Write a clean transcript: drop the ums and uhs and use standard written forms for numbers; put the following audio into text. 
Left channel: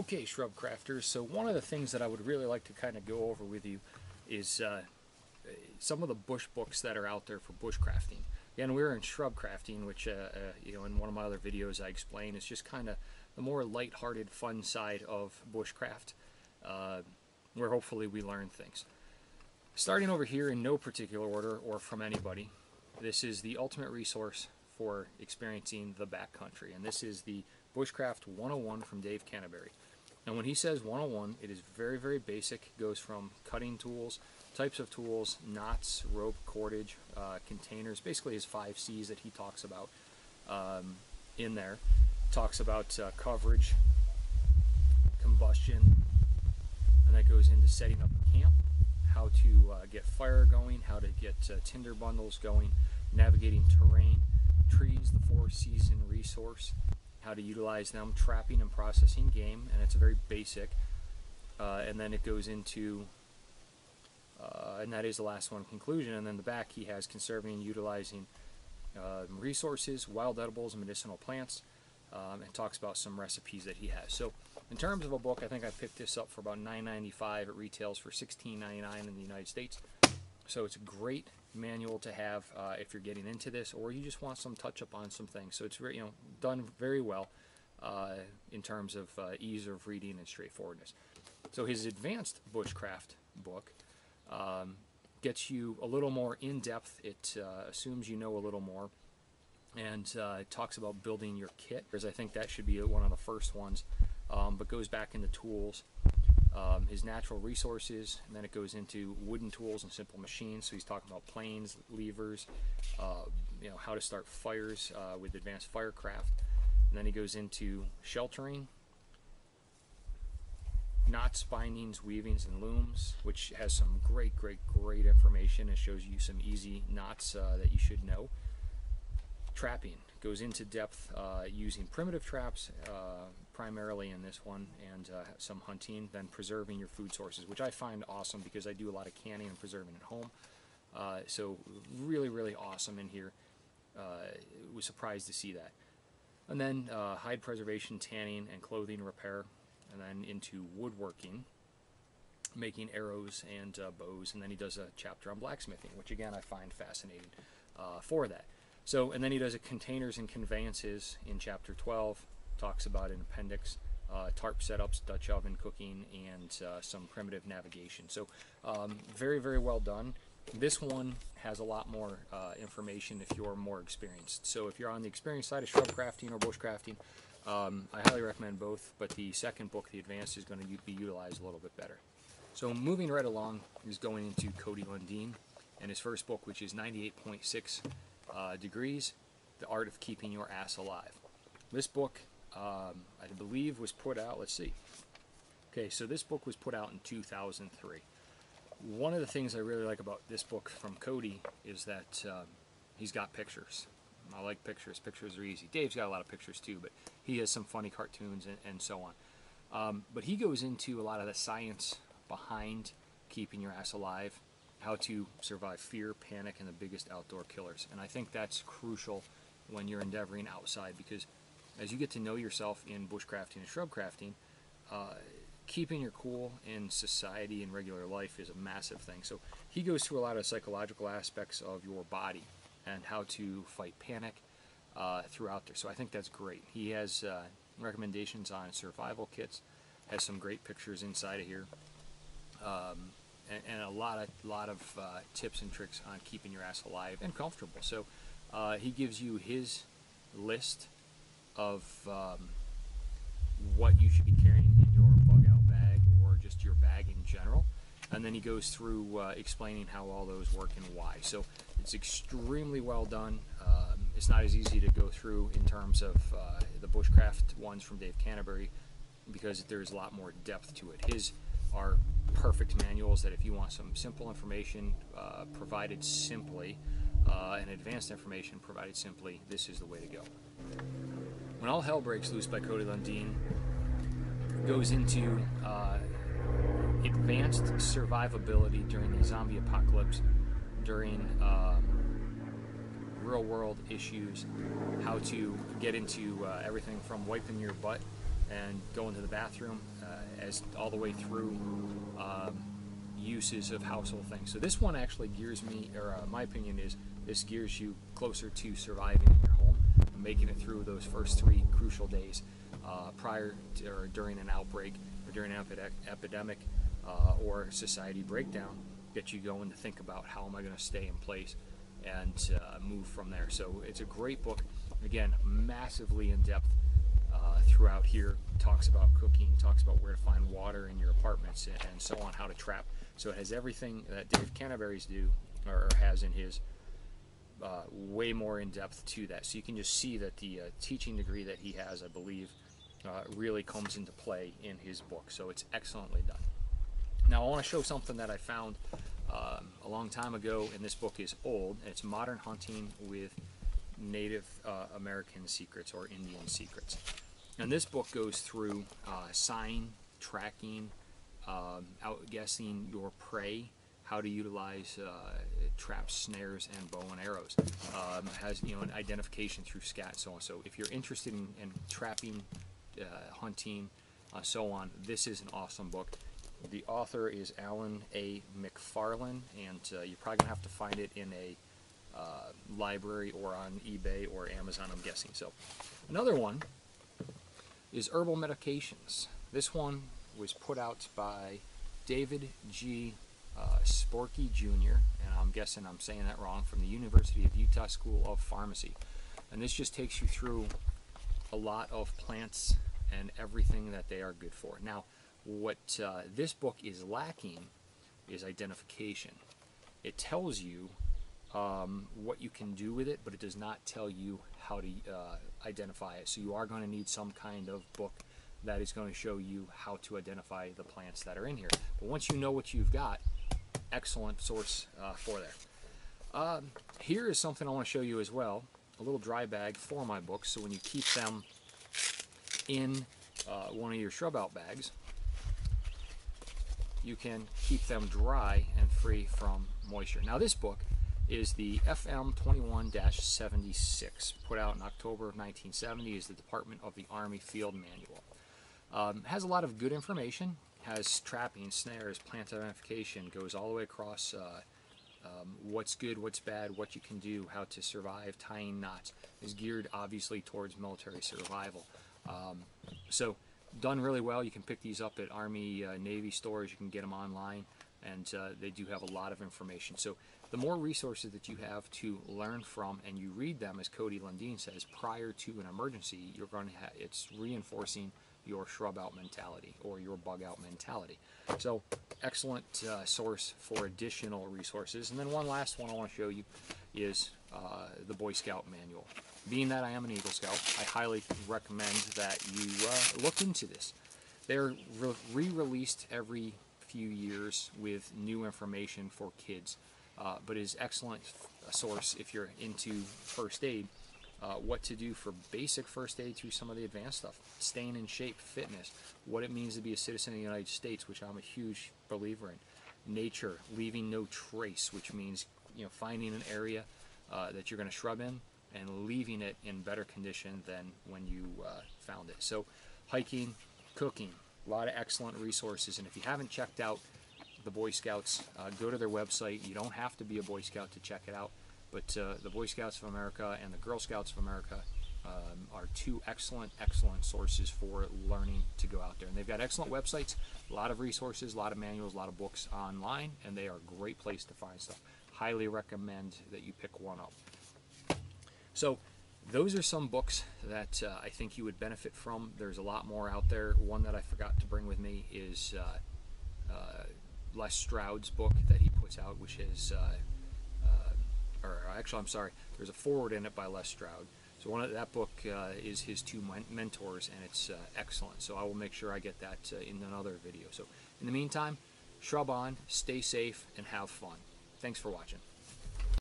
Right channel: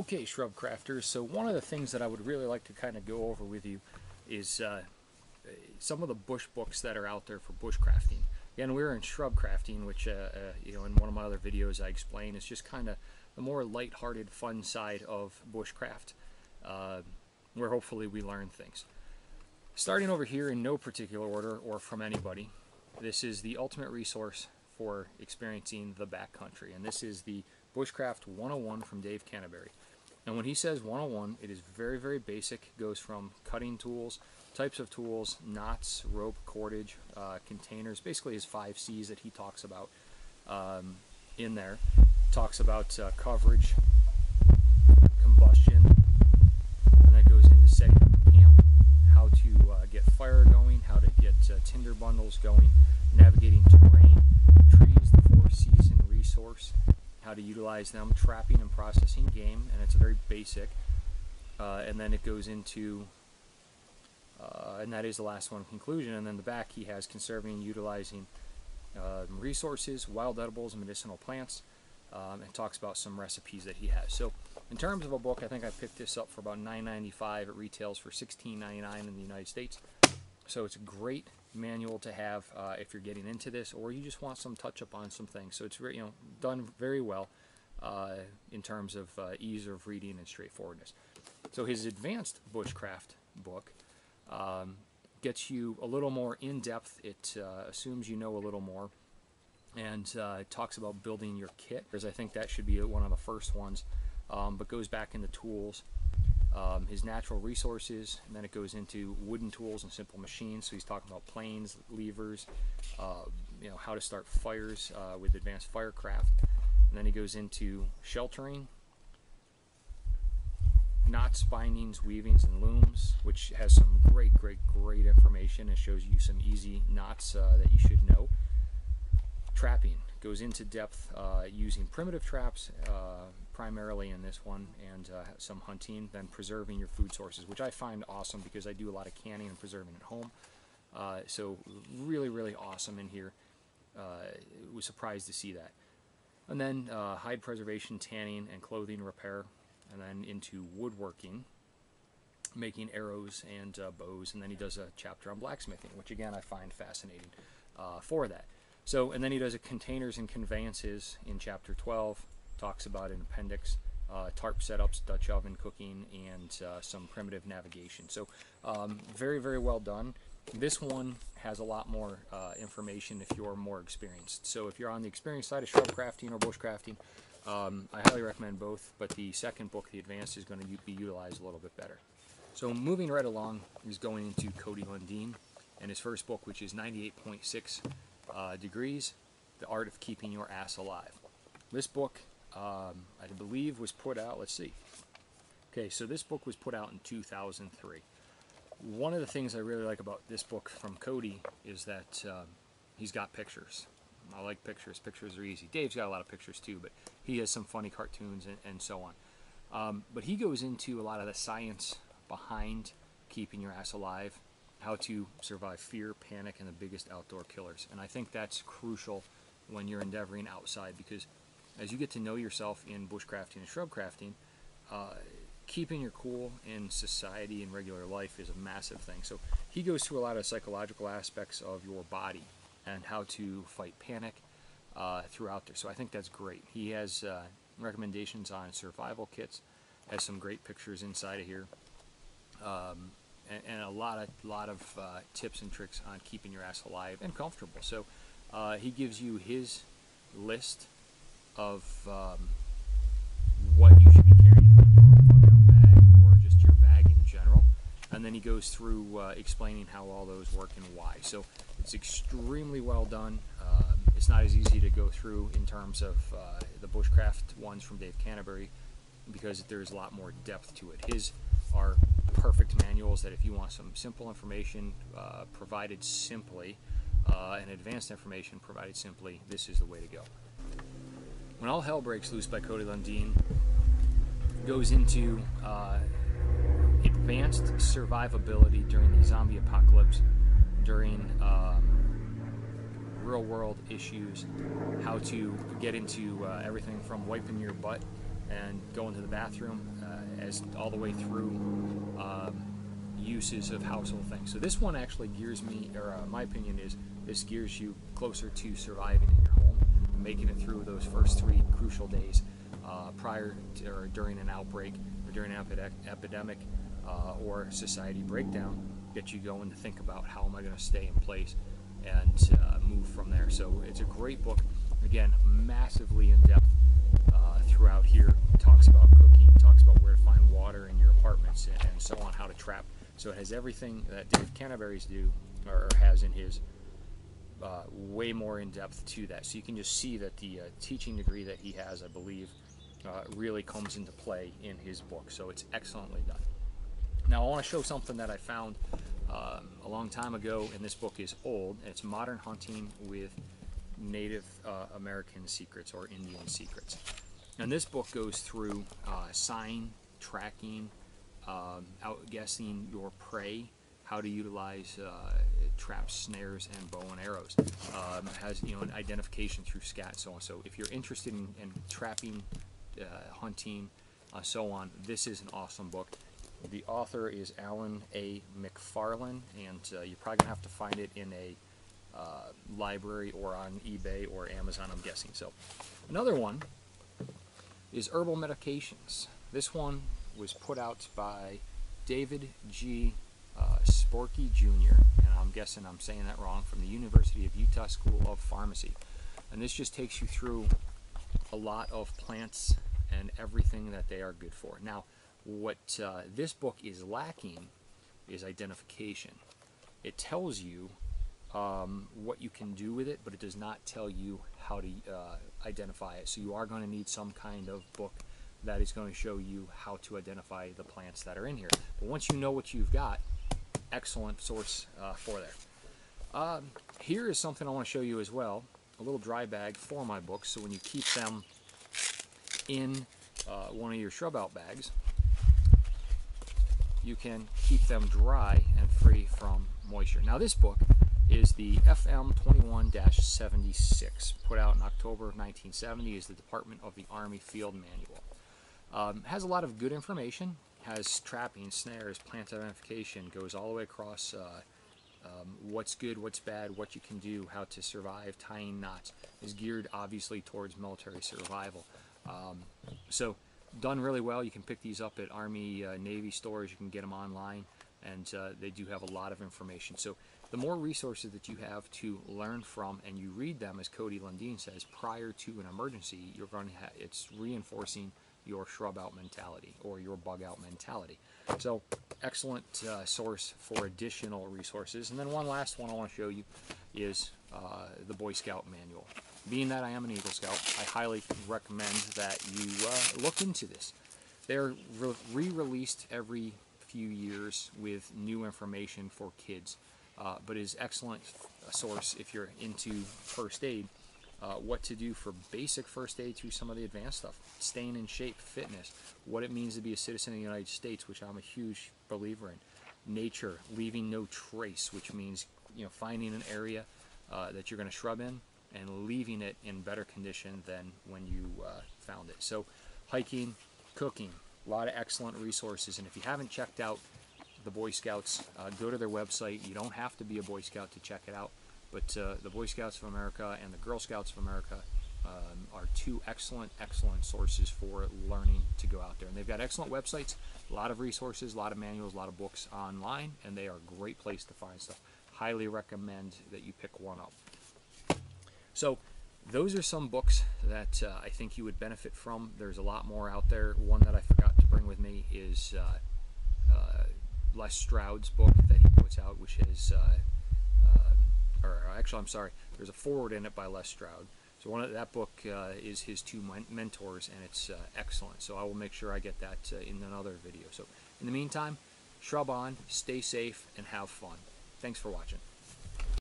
Okay, shrub crafters, so one of the things that I would really like to kind of go over with you is some of the bush books that are out there for bushcrafting. Again, we're in shrub crafting, which in one of my other videos I explain is just kind of the more light-hearted, fun side of bushcraft, where hopefully we learn things. Starting over here in no particular order or from anybody, this is the ultimate resource for experiencing the backcountry, and this is the Bushcraft 101 from Dave Canterbury. And when he says 101, it is very, very basic. It goes from cutting tools, types of tools, knots, rope, cordage, containers, basically his 5 C's that he talks about in there. Talks about coverage, combustion, and that goes into setting up a camp, how to get fire going, how to get tinder bundles going, navigating terrain, trees, the 4 C's in resource, how to utilize them, trapping and processing game, and it's a very basic. And then it goes into, and that is the last one, conclusion. And then the back he has conserving and utilizing resources, wild edibles, and medicinal plants, and talks about some recipes that he has. So in terms of a book, I think I picked this up for about $9.95. It retails for $16.99 in the United States. So it's a great manual to have if you're getting into this, or you just want some touch up on some things. So it's done very well in terms of ease of reading and straightforwardness. So his advanced bushcraft book gets you a little more in depth. It assumes you know a little more, and it talks about building your kit, because I think that should be one of the first ones, but goes back into tools. His natural resources, and then it goes into wooden tools and simple machines. So he's talking about planes, levers, how to start fires with advanced firecraft. And then he goes into sheltering, knots, bindings, weavings, and looms, which has some great information. It shows you some easy knots that you should know. Trapping goes into depth using primitive traps primarily in this one, and some hunting. Then preserving your food sources, which I find awesome because I do a lot of canning and preserving at home. So really awesome in here. Was surprised to see that. And then hide preservation, tanning, and clothing repair. And then into woodworking, making arrows and bows. And then he does a chapter on blacksmithing, which again I find fascinating for that. So, and then he does a containers and conveyances in chapter 12, talks about an appendix, tarp setups, Dutch oven cooking, and some primitive navigation. So very well done. This one has a lot more information if you're more experienced. So if you're on the experienced side of shrub crafting or bushcrafting, I highly recommend both, but the second book, the advanced, is going to be utilized a little bit better. So moving right along is going into Cody Lundin and his first book, which is 98.6 Degrees, The Art of Keeping Your Ass Alive. This book, I believe, was put out, let's see. Okay, so this book was put out in 2003. One of the things I really like about this book from Cody is that he's got pictures. I like pictures. Pictures are easy. Dave's got a lot of pictures too, but he has some funny cartoons and so on. But he goes into a lot of the science behind keeping your ass alive, how to survive fear, panic, and the biggest outdoor killers. And I think that's crucial when you're endeavoring outside, because as you get to know yourself in bushcrafting and shrub crafting, keeping your cool in society and regular life is a massive thing. So he goes through a lot of psychological aspects of your body and how to fight panic throughout there. So I think that's great. He has recommendations on survival kits, has some great pictures inside of here. And a lot of tips and tricks on keeping your ass alive and comfortable. So he gives you his list of what you should be carrying in your bug-out bag or just your bag in general. And then he goes through explaining how all those work and why. So it's extremely well done. It's not as easy to go through in terms of the bushcraft ones from Dave Canterbury, because there's a lot more depth to it. His are perfect manuals that if you want some simple information provided simply and advanced information provided simply, this is the way to go. When All Hell Breaks Loose by Cody Lundin goes into advanced survivability during the zombie apocalypse, during real world issues, how to get into everything from wiping your butt and going to the bathroom, as all the way through uses of household things. So this one actually gears me, or my opinion is, this gears you closer to surviving in your home, making it through those first 3 crucial days prior to, or during an outbreak, or during an epidemic, or society breakdown. Get you going to think about, how am I going to stay in place and move from there. So it's a great book. Again, massively in depth throughout here. Talks about cooking, talks about where to find water in your apartments, and so on, how to trap. So it has everything that Dave Canterbury's do, or has in his, way more in depth to that. So you can just see that the teaching degree that he has, I believe, really comes into play in his book. So it's excellently done. Now I want to show something that I found a long time ago, and this book is old. It's Modern Hunting with Native American Secrets, or Indian Secrets. And this book goes through sign, tracking, outguessing your prey, how to utilize traps, snares, and bow and arrows. Has, you know, an identification through scat and so on. So if you're interested in trapping, hunting, so on, this is an awesome book. The author is Alan A. McFarlane, and you're probably going to have to find it in a library or on eBay or Amazon, I'm guessing. So another one is Herbal Medications. This one was put out by David G. Sporky Jr., and I'm guessing I'm saying that wrong, from the University of Utah School of Pharmacy. And this just takes you through a lot of plants and everything that they are good for. Now, what this book is lacking is identification. It tells you what you can do with it, but it does not tell you how to identify it. So you are going to need some kind of book that is going to show you how to identify the plants that are in here. But once you know what you've got, excellent source for there. Here is something I want to show you as well, a little dry bag for my books. So when you keep them in one of your shrub out bags, you can keep them dry and free from moisture. Now this book is the FM 21-76, put out in October of 1970, is the Department of the Army Field Manual. Has a lot of good information, has trapping, snares, plant identification, goes all the way across what's good, what's bad, what you can do, how to survive, tying knots. Is geared obviously towards military survival. So done really well. You can pick these up at Army, Navy stores. You can get them online, and they do have a lot of information. So the more resources that you have to learn from, and you read them, as Cody Lundin says, prior to an emergency, you're going to it's reinforcing your shrub out mentality or your bug out mentality. So excellent source for additional resources. And then one last one I want to show you is the Boy Scout Manual. Being that I am an Eagle Scout, I highly recommend that you look into this. They're re-released every few years with new information for kids, but is excellent source if you're into first aid. What to do for basic first aid to some of the advanced stuff, staying in shape, fitness, what it means to be a citizen of the United States, which I'm a huge believer in. Nature, leaving no trace, which means, you know, finding an area that you're going to shrub in and leaving it in better condition than when you found it. So hiking, cooking, a lot of excellent resources. And if you haven't checked out the Boy Scouts, go to their website. You don't have to be a Boy Scout to check it out. But the Boy Scouts of America and the Girl Scouts of America are two excellent sources for learning to go out there. And they've got excellent websites, a lot of resources, a lot of manuals, a lot of books online, and they are a great place to find stuff. Highly recommend that you pick one up. So those are some books that I think you would benefit from. There's a lot more out there. One that I forgot to bring with me is Les Stroud's book that he puts out, which is or actually, I'm sorry, there's a foreword in it by Les Stroud. So that book is his two mentors, and it's excellent. So I will make sure I get that in another video. So in the meantime, shrub on, stay safe, and have fun. Thanks for watching.